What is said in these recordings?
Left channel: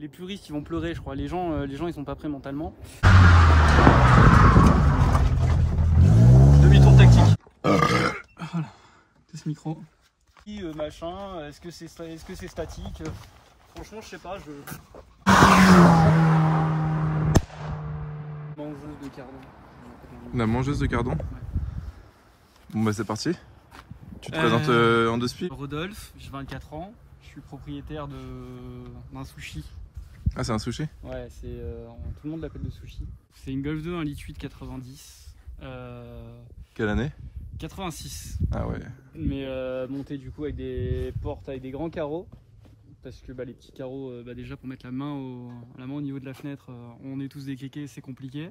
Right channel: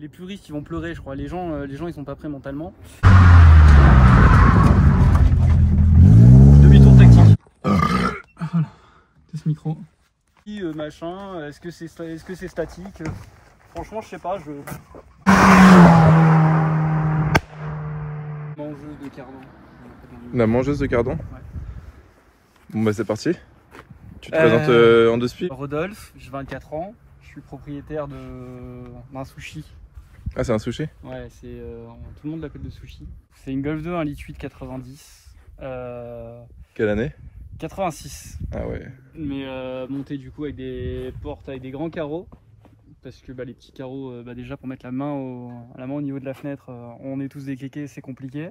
Les puristes ils vont pleurer je crois, les gens ils sont pas prêts mentalement. Demi-tour tactique. Test micro. Machin, est-ce que c'est statique? Franchement je sais pas, je... Mangeuse de cardon. La mangeuse de cardon? Ouais. Bon bah c'est parti. Tu te présentes en deux spies? Rodolphe, j'ai 24 ans, je suis propriétaire d'un sushi. Ah c'est un sushi? Ouais, c'est tout le monde l'appelle le sushi. C'est une Golf 2 1,8 litre 90. Quelle année? 86. Ah ouais. Mais monté du coup avec des portes avec des grands carreaux. Parce que les petits carreaux, déjà pour mettre la main au niveau de la fenêtre, on est tous décliqués, c'est compliqué.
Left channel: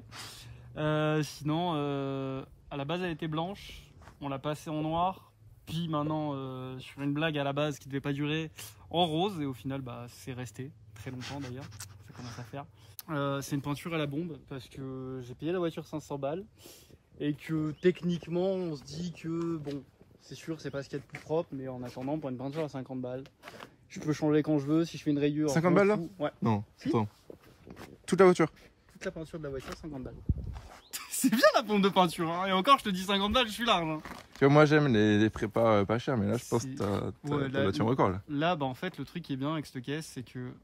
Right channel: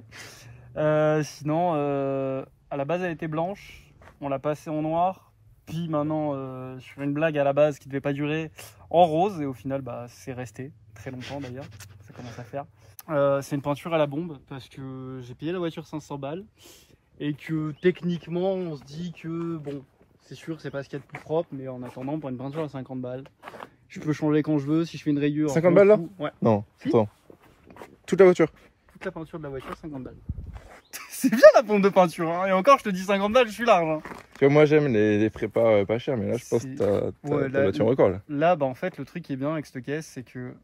Sinon, à la base elle était blanche, on l'a passée en noir. Puis maintenant, sur une blague à la base qui devait pas durer, en rose. Et au final, c'est resté très longtemps d'ailleurs. Ça commence à faire. C'est une peinture à la bombe parce que j'ai payé la voiture 500 balles. Et que techniquement, on se dit que bon, c'est sûr, c'est pas ce qu'il y a de plus propre. Mais en attendant, pour une peinture à 50 balles, je peux changer quand je veux. Si je fais une rayure. 50 balles là? Ouais. Non, si. Attends. Toute la voiture? Toute la peinture de la voiture, 50 balles. C'est bien la pompe de peinture, hein. Et encore, je te dis 50 balles, je suis large. Hein. Tu vois, moi j'aime les prépas pas chers, mais là je pense que t'as battu un record là. Là, en fait, le truc qui est bien avec cette caisse, c'est que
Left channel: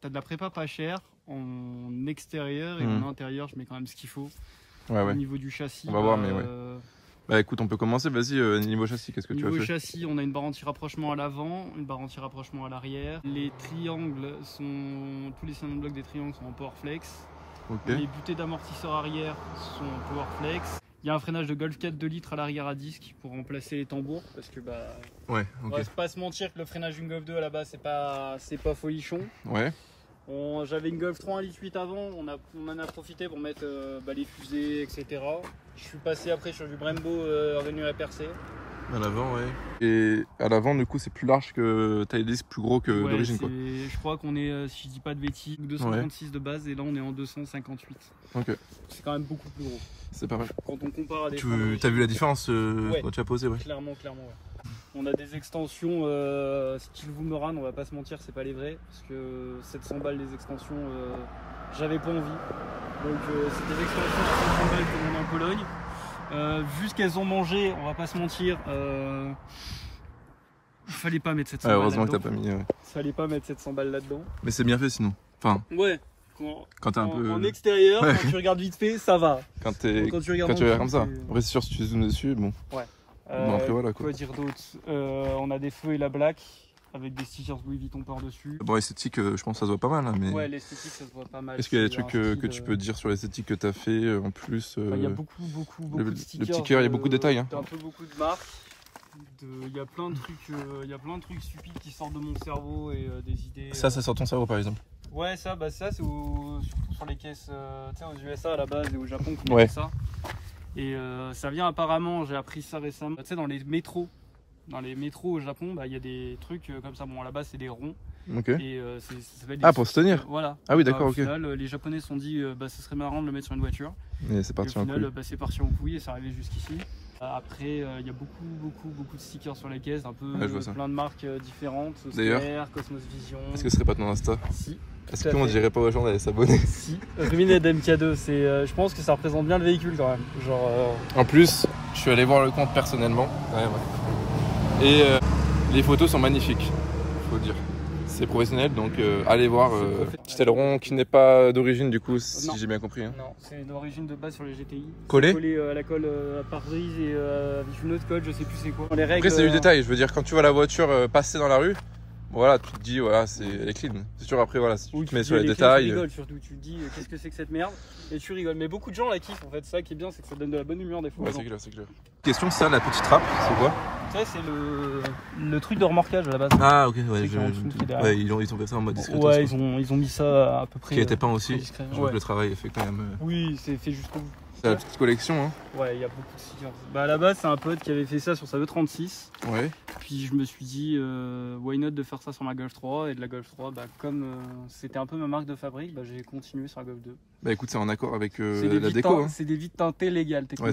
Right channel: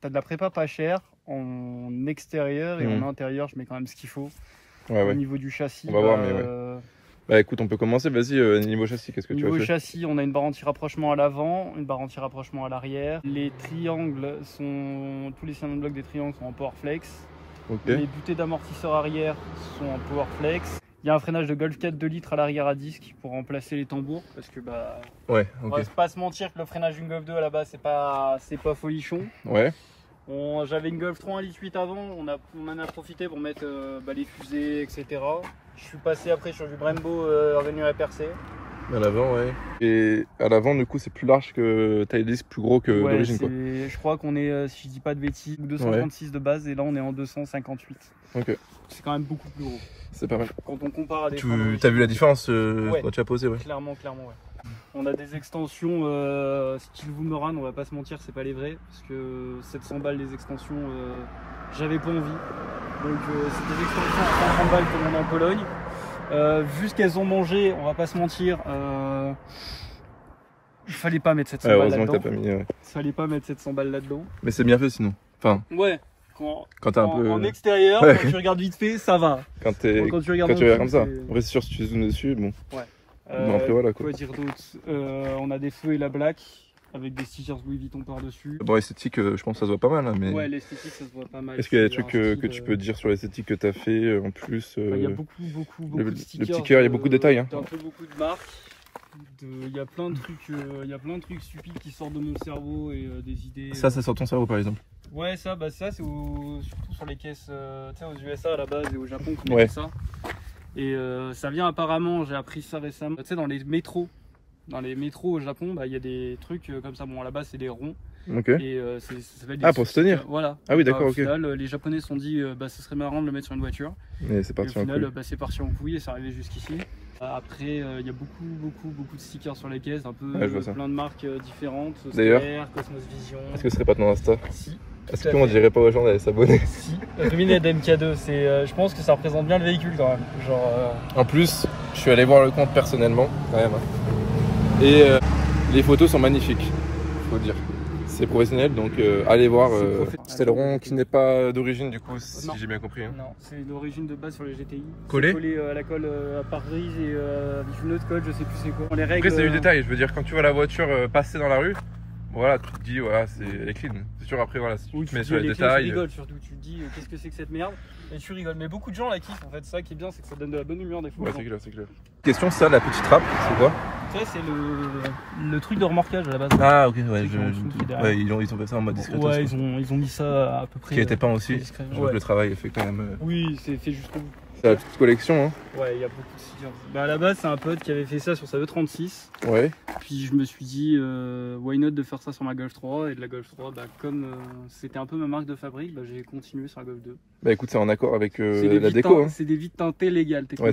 t'as de la prépa pas chère en extérieur et en intérieur, je mets quand même ce qu'il faut. Ouais, au niveau du châssis. On va voir, mais ouais. Bah écoute, on peut commencer, vas-y, niveau châssis, qu'est-ce que tu as fait? Niveau châssis, on a une barre anti-rapprochement à l'avant, une barre anti-rapprochement à l'arrière. Les triangles sont... Tous les cylindres blocs des triangles sont en Powerflex. Okay. Les butées d'amortisseur arrière sont en Powerflex. Il y a un freinage de Golf 4 2 litres à l'arrière à disque pour remplacer les tambours. Parce que ouais, on va pas se mentir que le freinage d'une Golf 2 à la base, c'est pas folichon. Ouais. J'avais une Golf 3 1,8 litre avant, on en a profité pour mettre les fusées, etc. Je suis passé après sur du Brembo rainuré percé. À l'avant, ouais. Et à l'avant, du coup, c'est plus large que taille disque, plus gros que d'origine, quoi. Je crois qu'on est, si je dis pas de bêtises, 236 de base et là on est en 258. Ok. C'est quand même beaucoup plus gros. C'est pas mal. Quand on compare à des... T'as vu la différence quand tu as posé, ouais. Clairement, ouais. On a des extensions style Boomerang, on va pas se mentir, c'est pas les vrais. Parce que 700 balles les extensions, j'avais pas envie. Donc c'est des extensions à 130 balles comme on a en Pologne. Vu ce qu'elles ont mangé, on va pas se mentir, fallait pas mettre 700 balles là-dedans. Heureusement que t'as pas mis, ouais. Fallait pas mettre 700 balles là-dedans. Mais c'est bien fait sinon. Enfin. Ouais. Quand t'es un peu... En extérieur, ouais. Quand tu regardes vite fait, ça va. Quand tu regardes comme ça. Après c'est sûr, si tu zoomes dessus, bon. Ouais. Bon, après voilà quoi. Quoi dire d'autre? On a des feux et la black avec des stickers Louis Vuitton par-dessus. Bon, l'esthétique, je pense que ça se voit pas mal. Hein, mais... Ouais, l'esthétique, ça se voit pas mal. Est-ce qu'il y a des trucs que tu peux dire sur l'esthétique que t'as fait en plus? Il y a beaucoup de stickers. Le petit cœur, il y a beaucoup de détails. Hein. Un peu beaucoup de marques. Il y a plein de trucs stupides qui sortent de mon cerveau et des idées. Ça sort ton cerveau par exemple? Ouais, ça c'est surtout sur les caisses aux USA à la base et au Japon qu'on ouais. Tout ça. Et ça vient apparemment, j'ai appris ça récemment, tu sais, dans les métros. Dans les métros au Japon, il y a des trucs comme ça. Bon, à la base, c'est des ronds. Ok. Et pour se tenir. Voilà. Ah oui, d'accord, ok. Au final, les Japonais se sont dit, ce serait marrant de le mettre sur une voiture. Et c'est parti en couille. Au final, c'est parti en couille et c'est arrivé jusqu'ici. Après, il y a beaucoup de stickers sur les caisses, un peu plein de marques différentes. D'ailleurs, Cosmos Vision. Est-ce que ce serait pas ton Insta? Si. Est-ce qu'on dirait pas aux gens d'aller s'abonner? Si. Rumined MK2, je pense que ça représente bien le véhicule quand même. Genre, En plus, je suis allé voir le compte personnellement, quand même. Et les photos sont magnifiques, faut dire. C'est professionnel, donc allez voir. Petit aileron qui n'est pas d'origine du coup, si j'ai bien compris. Hein. Non, c'est d'origine de base sur les GTI. Collé à la colle à pare-brise et avec une autre colle, je sais plus c'est quoi. Les règles, après c'est du détail, je veux dire quand tu vois la voiture passer dans la rue, voilà, tu te dis voilà, elle est clean. C'est sûr après voilà, si tu te mets sur les détails. Tu rigoles surtout, tu te dis qu'est-ce que c'est que cette merde et tu rigoles. Mais beaucoup de gens la kiffent en fait, ça qui est bien, c'est que ça donne de la bonne humeur des fois. Ouais, c'est clair, c'est clair. Question, ça, la petite trappe, c'est quoi? Ça c'est le truc de remorquage à la base. Ah ok, ouais, ils ont fait ça en mode discret. Ouais, ils ont mis ça à peu près. Qui était peint aussi. Donc le travail est fait quand même. Oui, c'est juste. C'est la petite collection, hein. Ouais, il y a beaucoup de stickers. À la base, c'est un pote qui avait fait ça sur sa E36. Ouais. Puis je me suis dit, why not de faire ça sur ma Golf 3. Et de la Golf 3, comme c'était un peu ma marque de fabrique, j'ai continué sur la Golf 2. Bah écoute, c'est en accord avec la déco. Hein. C'est des vides teintées légales, ouais,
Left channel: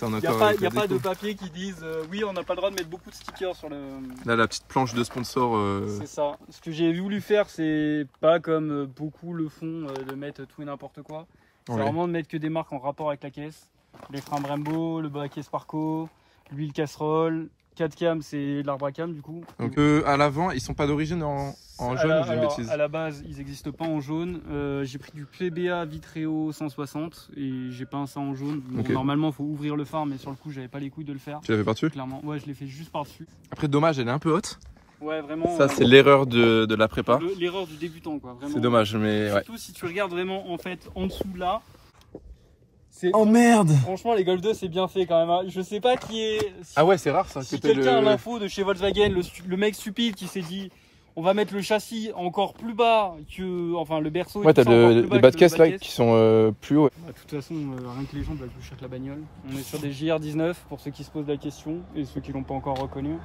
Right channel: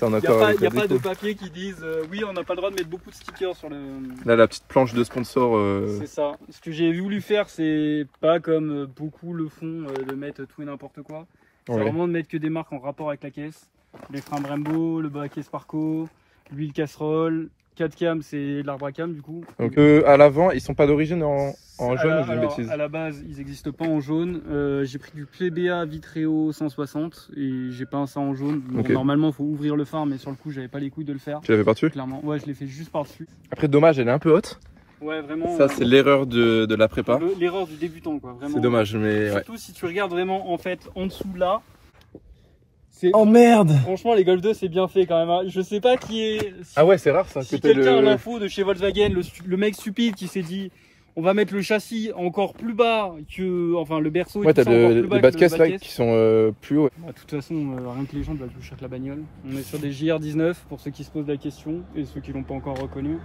C'est en Il accord avec n'y la a pas de déco. papier qui disent oui, on n'a pas le droit de mettre beaucoup de stickers sur le. Là, la petite planche de sponsor. C'est ça. Ce que j'ai voulu faire, c'est pas comme beaucoup le font, de mettre tout et n'importe quoi. C'est Ouais. vraiment de mettre que des marques en rapport avec la caisse. Les freins Brembo, le baquet Sparco, l'huile casserole. 4 cam, c'est l'arbre à cam du coup. Donc à l'avant, ils sont pas d'origine en jaune ou j'ai une Alors, bêtise? à la base, ils n'existent pas en jaune. J'ai pris du PBA Vitreo 160 et j'ai peint ça en jaune. Bon, Ok. normalement, il faut ouvrir le phare, mais sur le coup, j'avais pas les couilles de le faire. Tu l'avais par-dessus? Clairement, ouais, je l'ai fait juste par-dessus. Après, dommage, elle est un peu haute. Ouais, vraiment. Ça, c'est l'erreur de la prépa. L'erreur du débutant, quoi. Vraiment. C'est dommage, mais ouais. Surtout si tu regardes vraiment, en fait, en dessous là. Oh merde! Franchement, les Golf 2, c'est bien fait quand même. Hein. Je sais pas qui est. Si, Ah ouais, c'est rare ça. si Que t'aies quelqu'un a le... l'info de chez Volkswagen, le mec stupide qui s'est dit. On va mettre le châssis encore plus bas que. Enfin, le berceau. Ouais, t'as les bas de caisse là caisse. qui sont plus hauts. Bah, de toute façon, rien que les gens valent plus cher que la bagnole. On est sur des JR19 pour ceux qui se posent la question et ceux qui l'ont pas encore reconnu.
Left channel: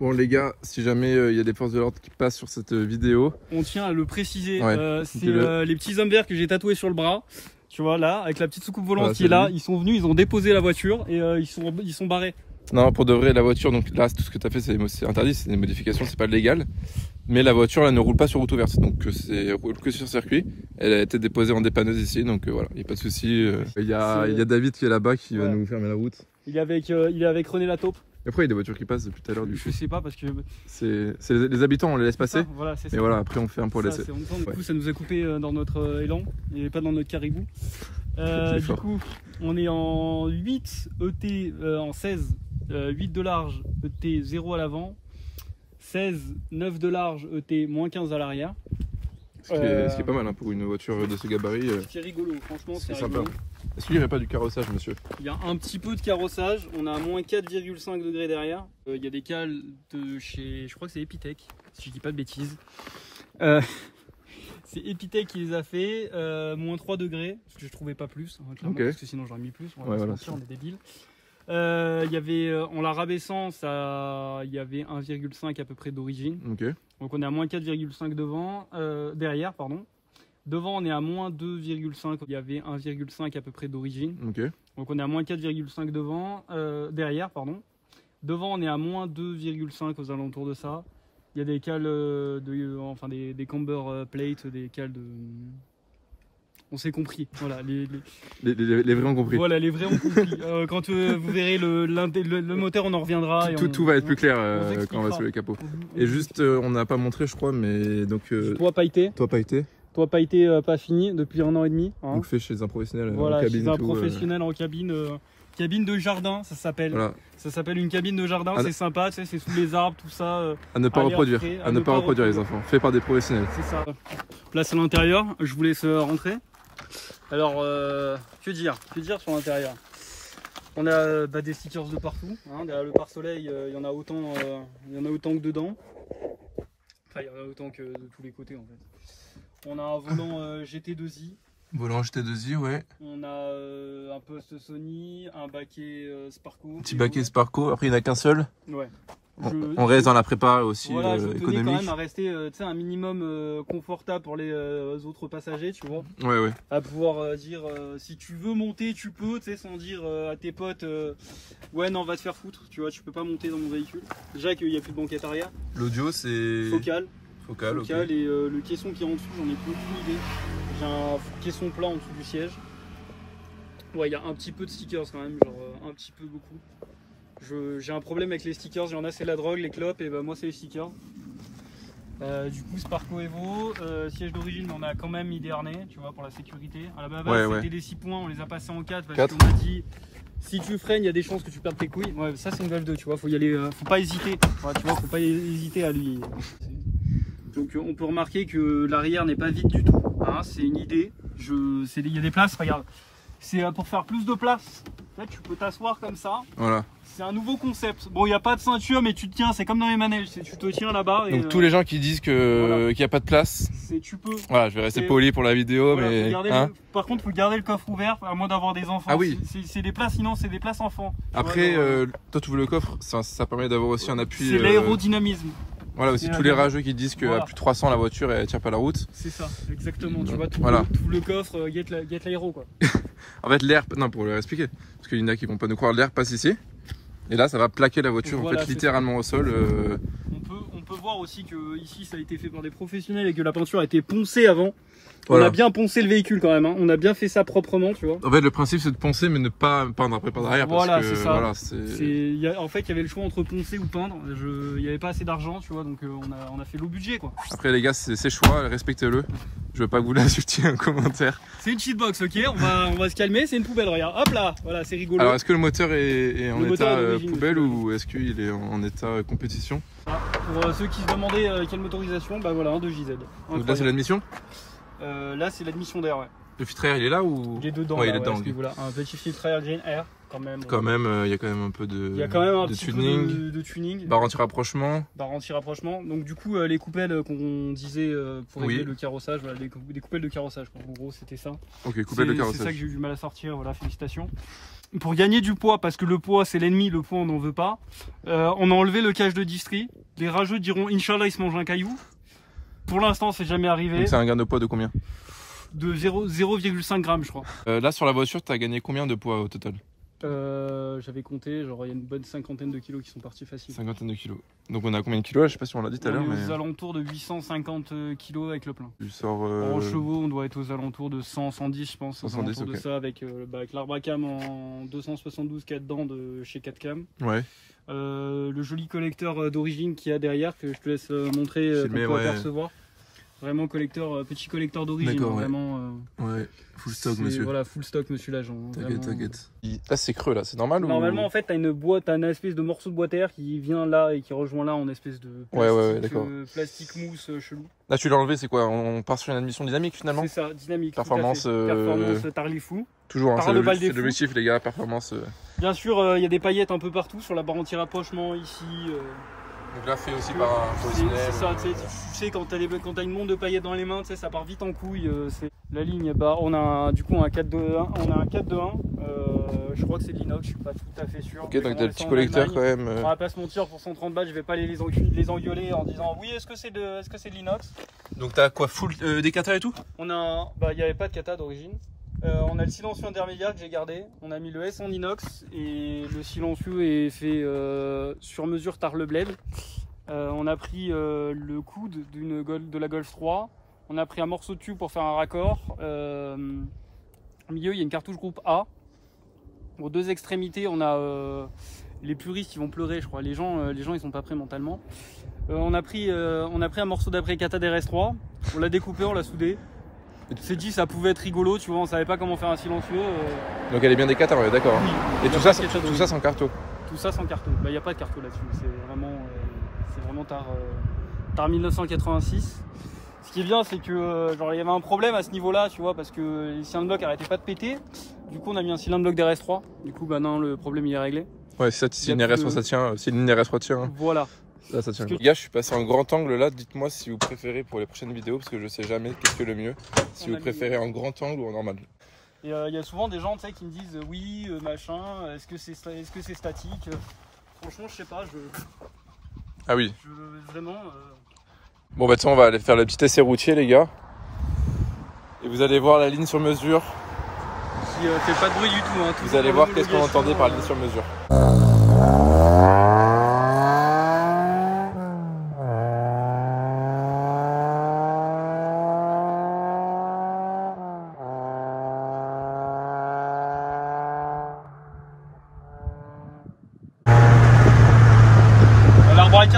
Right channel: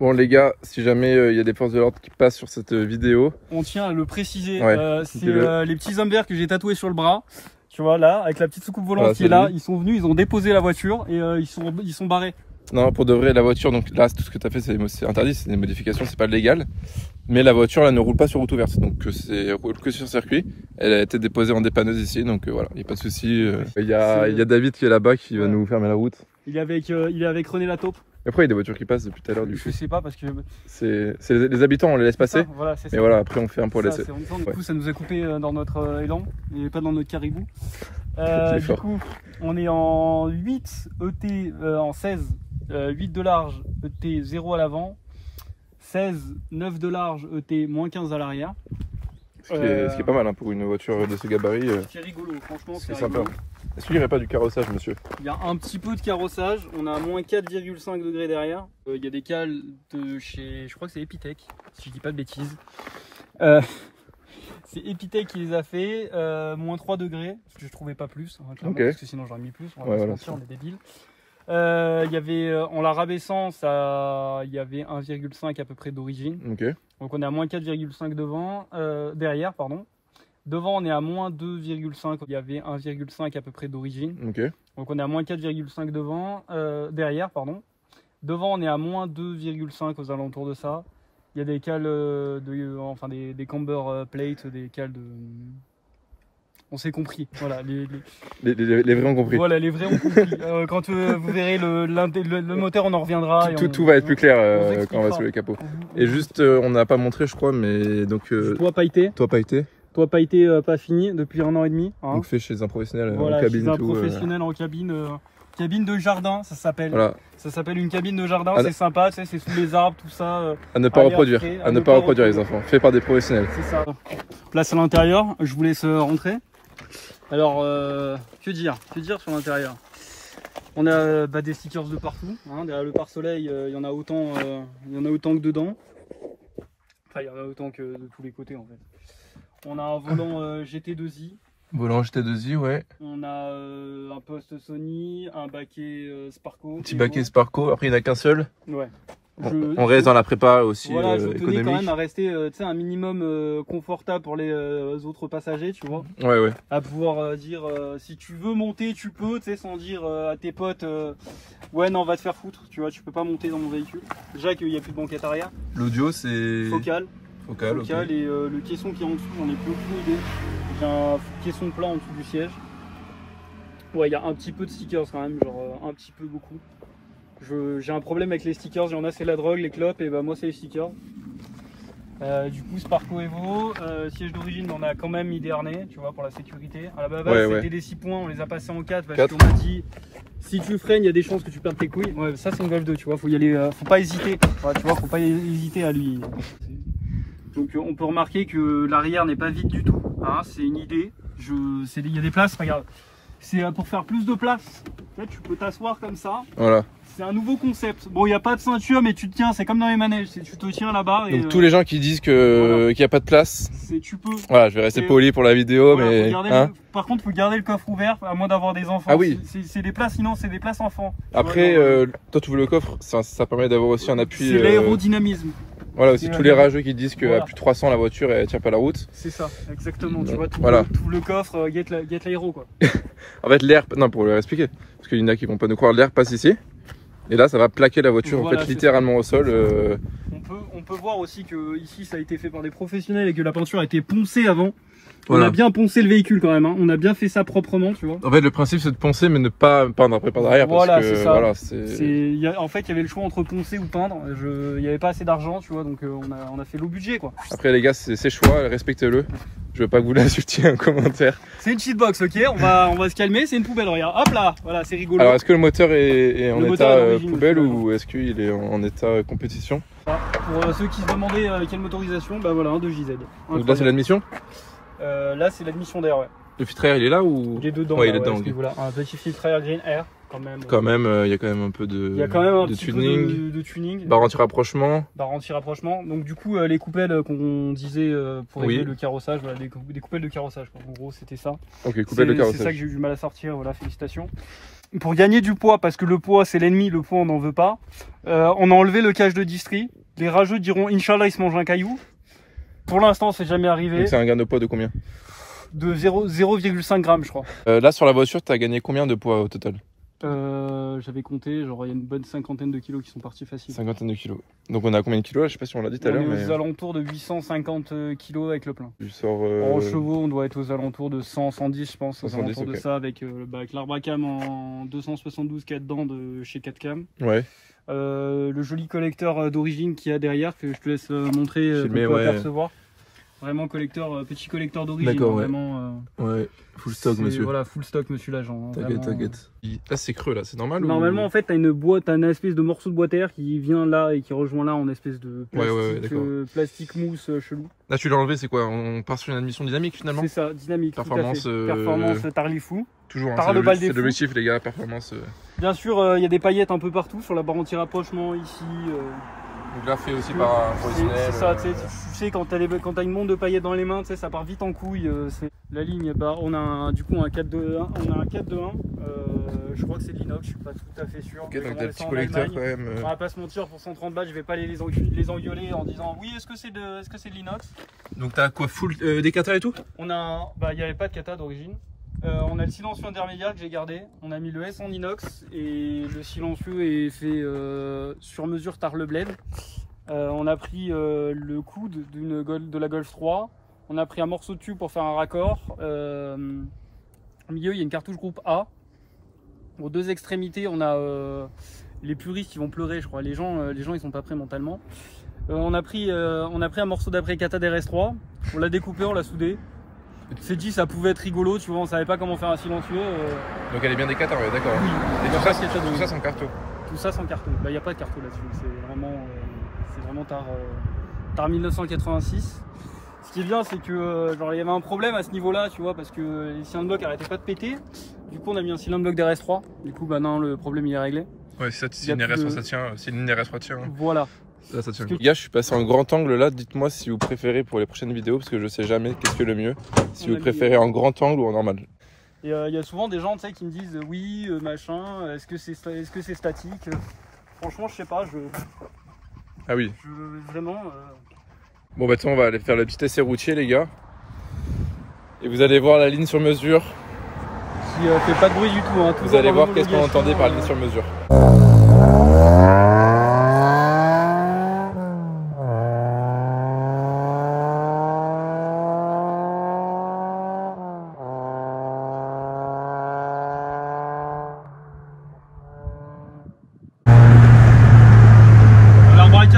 Bon les gars, si jamais il y a des forces de l'ordre qui passent sur cette vidéo. On tient à le préciser. Ouais, c'est les petits hommes verts que j'ai tatoués sur le bras. Tu vois là, avec la petite soucoupe volante Voilà, qui est là. lui. Ils sont venus, ils ont déposé la voiture et ils sont barrés. Non, pour de vrai, la voiture, donc là, tout ce que tu as fait, c'est interdit, c'est des modifications, c'est pas légal. Mais la voiture, là, ne roule pas sur route ouverte, donc c'est roule que sur circuit. Elle a été déposée en dépanneuse ici, donc voilà, il n'y a pas de souci. Il y a David qui est là-bas qui va nous fermer la route. Il est avec René Lataupe. Et après, il y a des voitures qui passent depuis tout à l'heure, du coup. Je sais pas parce que. C'est les habitants, on les laisse passer. Ça, voilà, c'est ça. Mais voilà, après, on fait un pour Ça, laisser. c'est honteux. Du Ouais. coup, ça nous a coupé dans notre élan et pas dans notre caribou. C'est Du fort. coup, on est en 8 ET, en 16, 8 de large, ET 0 à l'avant, 16, 9 de large, ET moins 15 à l'arrière. Ce qui est pas mal hein, pour une voiture de ce gabarit. C'est rigolo, franchement, C'est c'est sympa. rigolo. Est-ce qu'il n'y aurait pas du carrossage, monsieur? Il y a un petit peu de carrossage, on a à moins 4,5 degrés derrière. Il y a des cales de chez, je crois que c'est Epitech, si je dis pas de bêtises. C'est Epitech qui les a fait, moins 3 degrés, parce que je trouvais pas plus, hein, clairement, Ok. parce que sinon j'aurais mis plus, on va Ouais, pas se voilà, mentir, ça. on est débiles. Il y avait, en la rabaissant, il y avait 1,5 à peu près d'origine. Ok. Donc on est à moins 4,5 devant, derrière, pardon. Devant on est à moins 2,5, il y avait 1,5 à peu près d'origine. Ok. Donc on est à moins 4,5 devant, derrière, pardon. Devant on est à moins 2,5 aux alentours de ça. Il y a des cales, enfin des camber plates, des cales de... On s'est compris, voilà. Les vrais ont compris. Voilà, les vrais ont compris. Quand vous verrez le moteur, on en reviendra. Tout va être plus clair on quand on va s'expliquera. sur le capot. Et juste, on n'a pas montré, je crois, mais donc. Toi pailleté, Toi, pas été. pas fini depuis 1 an et demi. Hein. Donc fait chez un professionnel Voilà, en cabine chez un et tout. professionnel en cabine, cabine de jardin, ça s'appelle. Voilà. Ça s'appelle une cabine de jardin, Ah, c'est sympa, tu sais, c'est sous les arbres, tout ça. À ne pas Allez, reproduire. après, À ne pas reproduire les enfants. Fait par des professionnels. C'est ça. Place à l'intérieur, je vous laisse rentrer. Alors, que dire sur l'intérieur? On a des stickers de partout. Hein, derrière le pare-soleil, il y en a autant que dedans. Enfin, il y en a autant que de tous les côtés en fait. On a un volant GT2i. Volant GT2i, ouais. On a un poste Sony, un baquet Sparco. Petit baquet Sparco. Après, il n'y en a qu'un seul. Ouais. On reste dans la prépa aussi Voilà, je tenais quand économique. même à rester un minimum confortable pour les autres passagers, tu vois. Ouais. À pouvoir dire si tu veux monter, tu peux, tu sais, sans dire à tes potes ouais, non, va te faire foutre, tu vois, tu peux pas monter dans mon véhicule. Déjà qu'il n'y a plus de banquette arrière. L'audio, c'est. Focal. Focal, ok. Et le caisson qui est en dessous, j'en ai plus aucune idée. J'ai un caisson plat en dessous du siège. Ouais, il y a un petit peu de stickers quand même, genre un petit peu beaucoup. J'ai un problème avec les stickers, il y en a c'est la drogue, les clopes, et bah moi c'est les stickers. Du coup Sparco Evo, siège d'origine on a quand même mis des harnais, tu vois, pour la sécurité. À la base c'était des 6 points, on les a passés en 4 parce qu'on m'a dit si tu freines il y a des chances que tu perdes tes couilles. Ouais, ça c'est une Golf 2, tu vois, faut y aller, faut pas hésiter. Ouais, tu vois, faut pas hésiter à lui. Donc on peut remarquer que l'arrière n'est pas vide du tout, hein, c'est une idée. Il y a des places, regarde. C'est pour faire plus de place. En fait, tu peux t'asseoir comme ça. Voilà. C'est un nouveau concept. Bon, il n'y a pas de ceinture, mais tu te tiens, c'est comme dans les manèges. Tu te tiens là-bas. Donc tous les gens qui disent qu'il n'y a pas de place, tu peux. voilà, je vais rester poli pour la vidéo, mais. Par contre, il faut garder le coffre ouvert, à moins d'avoir des enfants. Ah oui. C'est des places, sinon c'est des places enfants. Après, toi tu veux le coffre, ça permet d'avoir aussi un appui. C'est l'aérodynamisme. Voilà, aussi tous les rageux qui disent qu'à voilà. plus de 300 la voiture elle tient pas la route. C'est ça, exactement. Tu vois, tout, voilà. Tout le coffre, get l'aéro quoi. En fait, l'air, non, pour leur expliquer, parce qu'il y en a qui vont pas nous croire, l'air passe ici. Et là, ça va plaquer la voiture voilà, en fait littéralement au sol. On peut voir aussi que ici ça a été fait par des professionnels et que la peinture a été poncée avant. Voilà. On a bien poncé le véhicule quand même, hein. On a bien fait ça proprement, tu vois. En fait, le principe c'est de poncer mais ne pas peindre après par derrière parce voilà, que voilà, en fait, il y avait le choix entre poncer ou peindre. Il n'y avait pas assez d'argent, tu vois, donc on a fait low budget quoi. Après les gars, c'est choix, respectez-le. Je veux pas vous l'insulter en commentaire. C'est une cheatbox, ok, on va se calmer, c'est une poubelle, regarde, hop là, voilà, c'est rigolo. Alors est-ce que le moteur est en état poubelle aussi, ou est-ce qu'il est en état compétition? Pour ceux qui se demandaient quelle motorisation, bah voilà, un 2JZ. Donc là c'est l'admission? Là c'est l'admission d'air, ouais. Le filtre air il est là ou? Il est dedans, ouais, il est dedans. Okay. Voilà, un petit filtre air green air quand même. Quand même, il y a quand même un peu de, tuning. Barre anti-rapprochement. Barre anti-rapprochement. Donc du coup les coupelles qu'on disait pour aider le carrossage, voilà, des coupelles de carrossage. En gros c'était ça. Ok, coupelles de carrossage. C'est ça que j'ai eu du mal à sortir, voilà, félicitations. Pour gagner du poids, parce que le poids c'est l'ennemi, le poids on n'en veut pas, on a enlevé le cage de distri. Les rageux diront Inch'Allah il se mange un caillou. Pour l'instant c'est jamais arrivé. Donc c'est un gain de poids de combien? De 0,5 grammes je crois. Là sur la voiture tu as gagné combien de poids au total? J'avais compté, genre il y a une bonne cinquantaine de kilos qui sont partis faciles. Cinquantaine de kilos. Donc on a combien de kilos là? Je sais pas si on l'a dit tout à l'heure. On est aux alentours de 850 kilos avec le plein. Tu sors en chevaux on doit être aux alentours de 100, 110 je pense. 110, aux alentours de ça avec l'arbre à cam en 272 qu'il y a dedans de chez 4cam. Ouais. Le joli collecteur d'origine qu'il y a derrière que je te laisse montrer, filmer, ouais. Percevoir. Vraiment petit collecteur d'origine. D'accord, ouais. Vraiment, ouais, full stock monsieur. Voilà, full stock monsieur l'agent. T'inquiète, t'inquiète. Là c'est creux là, c'est normal? Normalement en fait t'as une boîte, t'as une espèce de morceau de boîte air qui vient là et qui rejoint là en espèce de plastique, plastique mousse chelou. Là tu l'as enlevé, c'est quoi? On part sur une admission dynamique finalement? C'est ça, dynamique. Performance, performance Tarlifou. Toujours, par le bal des c'est l'objectif les gars, performance. Bien sûr, il y a des paillettes un peu partout sur la barre anti-rapprochement ici. Donc là fait aussi par un professionnel. C'est ça, tu sais quand t'as une montre de paillettes dans les mains, ça part vite en couille. La ligne, bah on a du coup un 4-2-1, on a un 4-2-1. Je crois que c'est de l'inox, je suis pas tout à fait sûr. Ok, donc t'as le petit collecteur quand même. On va pas se mentir, pour 130 balles, je vais pas les engueuler en disant oui, est-ce que c'est de l'inox. Donc t'as quoi, full des kata et tout? On a, bah il y avait pas de kata d'origine. On a le silencieux intermédiaire que j'ai gardé. On a mis le S en inox et le silencieux est fait sur mesure Tarle Blade. On a pris le coude de la Golf 3. On a pris un morceau de tube pour faire un raccord. Au milieu, il y a une cartouche groupe A. Aux deux extrémités, on a les puristes qui vont pleurer, je crois. Les gens ils sont pas prêts mentalement. On a pris un morceau d'après kata d'RS3. On l'a découpé, on l'a soudé. Tu t'es dit ça pouvait être rigolo, tu vois, on savait pas comment faire un silencieux. Donc elle est bien des kata, ouais, d'accord. Oui. Et tout ça sans carto? Tout ça sans carto. Bah il n'y a pas de carto là-dessus, c'est vraiment tard 1986. Ce qui est bien, c'est que genre il y avait un problème à ce niveau-là, tu vois, parce que les cylindres blocs arrêtaient pas de péter. Du coup on a mis un cylindre bloc d'RS3. Du coup bah non, le problème il est réglé. Ouais, si une RS3 ça tient, si une RS3 tient. Voilà. Là, ça tient. Les gars, je suis passé en grand angle là. Dites-moi si vous préférez pour les prochaines vidéos parce que je sais jamais qu'est-ce que le mieux. Si vous préférez en grand angle ou en normal. Et il y a souvent des gens qui me disent oui, machin, est-ce que c'est statique? Franchement, je sais pas. Ah oui. Vraiment. Bon, bah, on va aller faire le petit essai routier, les gars. Et vous allez voir la ligne sur mesure. Qui fait pas de bruit du tout. Hein, vous allez voir qu'est-ce qu'on entendait par ligne sur mesure.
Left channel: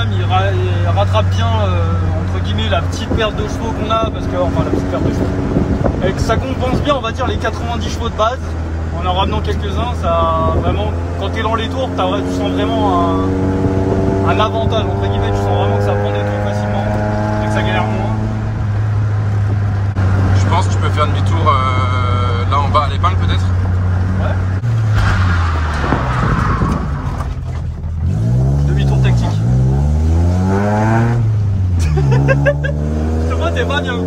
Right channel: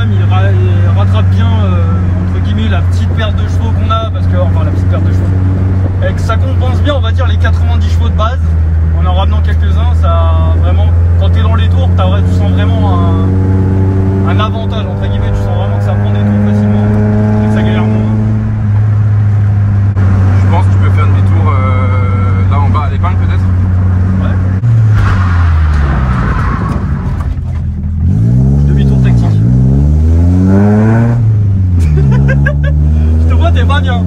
Il rattrape bien entre guillemets la petite perte de chevaux qu'on a, parce que enfin la petite perte de chevaux. Et que ça compense bien, on va dire, les 90 chevaux de base. En ramenant quelques-uns, ça vraiment, quand t'es dans les tours, tu sens vraiment un avantage entre guillemets, tu sens vraiment que ça prend des tours facilement et que ça galère moins. Je pense que tu peux faire demi-tour là en bas à l'épingle peut-être. T'es pas bien.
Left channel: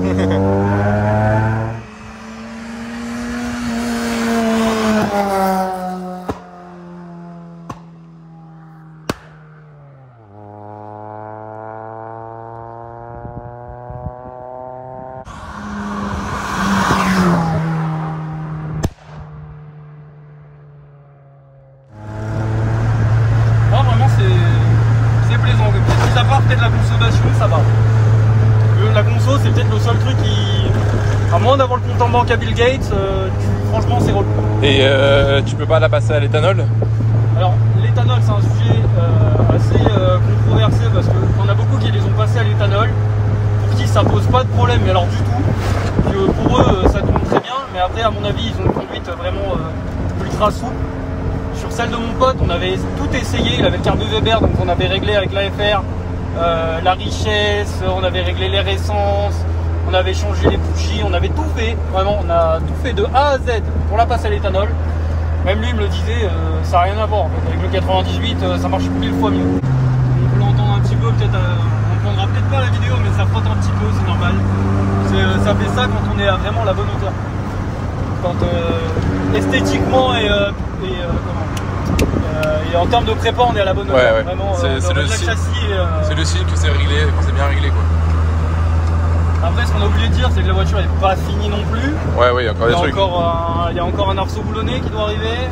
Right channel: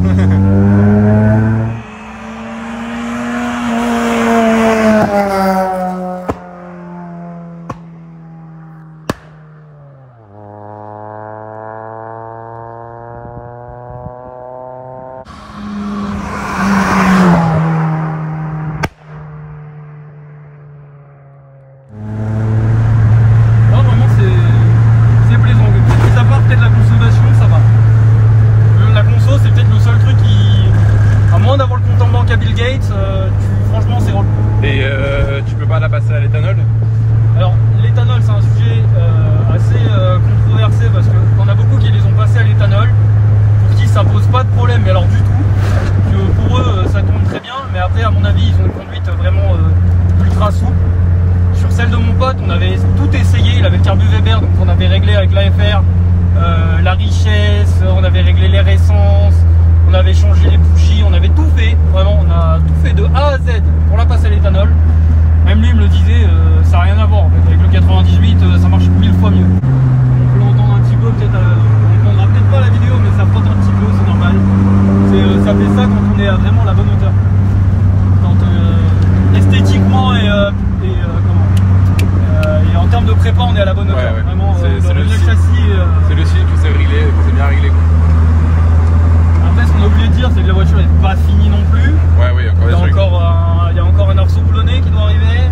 tant qu'à Bill Gates, franchement c'est relou. Et tu peux pas la passer à l'éthanol? Alors l'éthanol c'est un sujet assez controversé parce qu'on a beaucoup qui les ont passés à l'éthanol, pour qui ça pose pas de problème, mais alors du tout. Pour eux ça tourne très bien, mais après à mon avis ils ont une conduite vraiment ultra souple. Sur celle de mon pote on avait tout essayé, il avait le carbu Weber, donc on avait réglé avec l'AFR la richesse, on avait réglé l'air essence, on avait changé les bougies, on avait tout fait, vraiment on a tout fait de A à Z pour la passer à l'éthanol. Même lui il me le disait, ça n'a rien à voir en fait. Avec le 98 ça marche 1000 fois mieux. Donc on entend un petit peu, peut-être on n'entendra peut-être pas la vidéo mais ça frotte un petit peu, c'est normal. Ça fait ça quand on est à vraiment à la bonne hauteur. Quand esthétiquement et en termes de prépa on est à la bonne hauteur. Ouais. Vraiment, c'est le châssis. C'est le cycle que c'est réglé, que c'est bien réglé quoi. Après ce qu'on a oublié de dire c'est que la voiture n'est pas finie non plus. Ouais, il y a encore des trucs. Il y a encore un arceau boulonné qui doit arriver.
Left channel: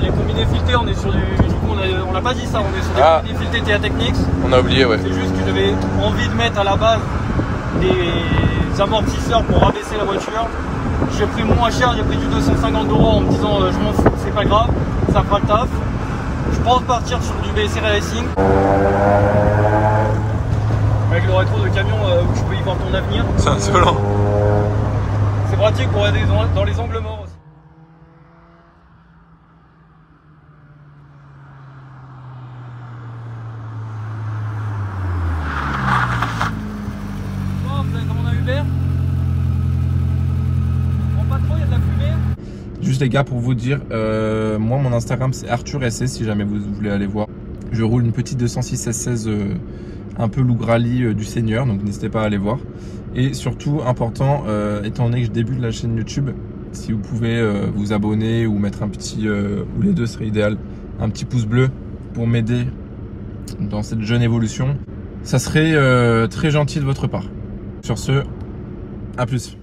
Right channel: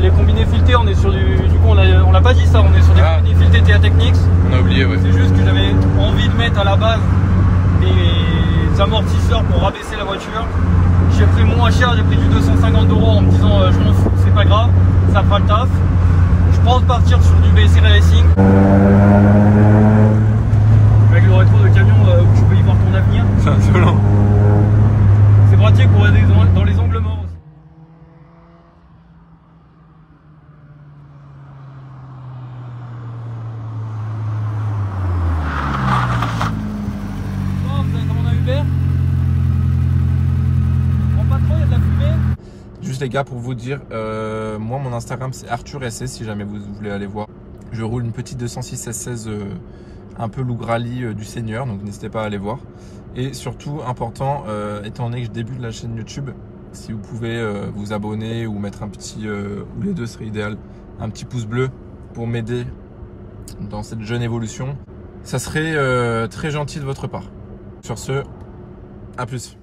Les combinés filetés, on est sur du coup on l'a pas dit ça, on est sur des combinés filetés TIA Technics. On a oublié, ouais. C'est juste que j'avais envie de mettre à la base des amortisseurs pour rabaisser la voiture. J'ai pris moins cher, j'ai pris du 250 € en me disant je m'en fous, c'est pas grave, ça fera le taf. Je pense partir sur du BSR Racing. Avec le retour de camion où je peux y voir ton avenir. C'est insolent. C'est pratique pour aller dans les angles morts aussi. Bon, vous avez commandé un Uber? On prend pas trop, il y a de la fumée. Juste les gars, pour vous dire, moi mon Instagram c'est Arthur SC si jamais vous voulez aller voir. Je roule une petite 206 S16 un peu loup rallye du Seigneur, donc n'hésitez pas à aller voir. Et surtout, important, étant donné que je débute la chaîne YouTube, si vous pouvez vous abonner ou mettre un petit, ou les deux serait idéal, un petit pouce bleu pour m'aider dans cette jeune évolution, ça serait très gentil de votre part. Sur ce, à plus.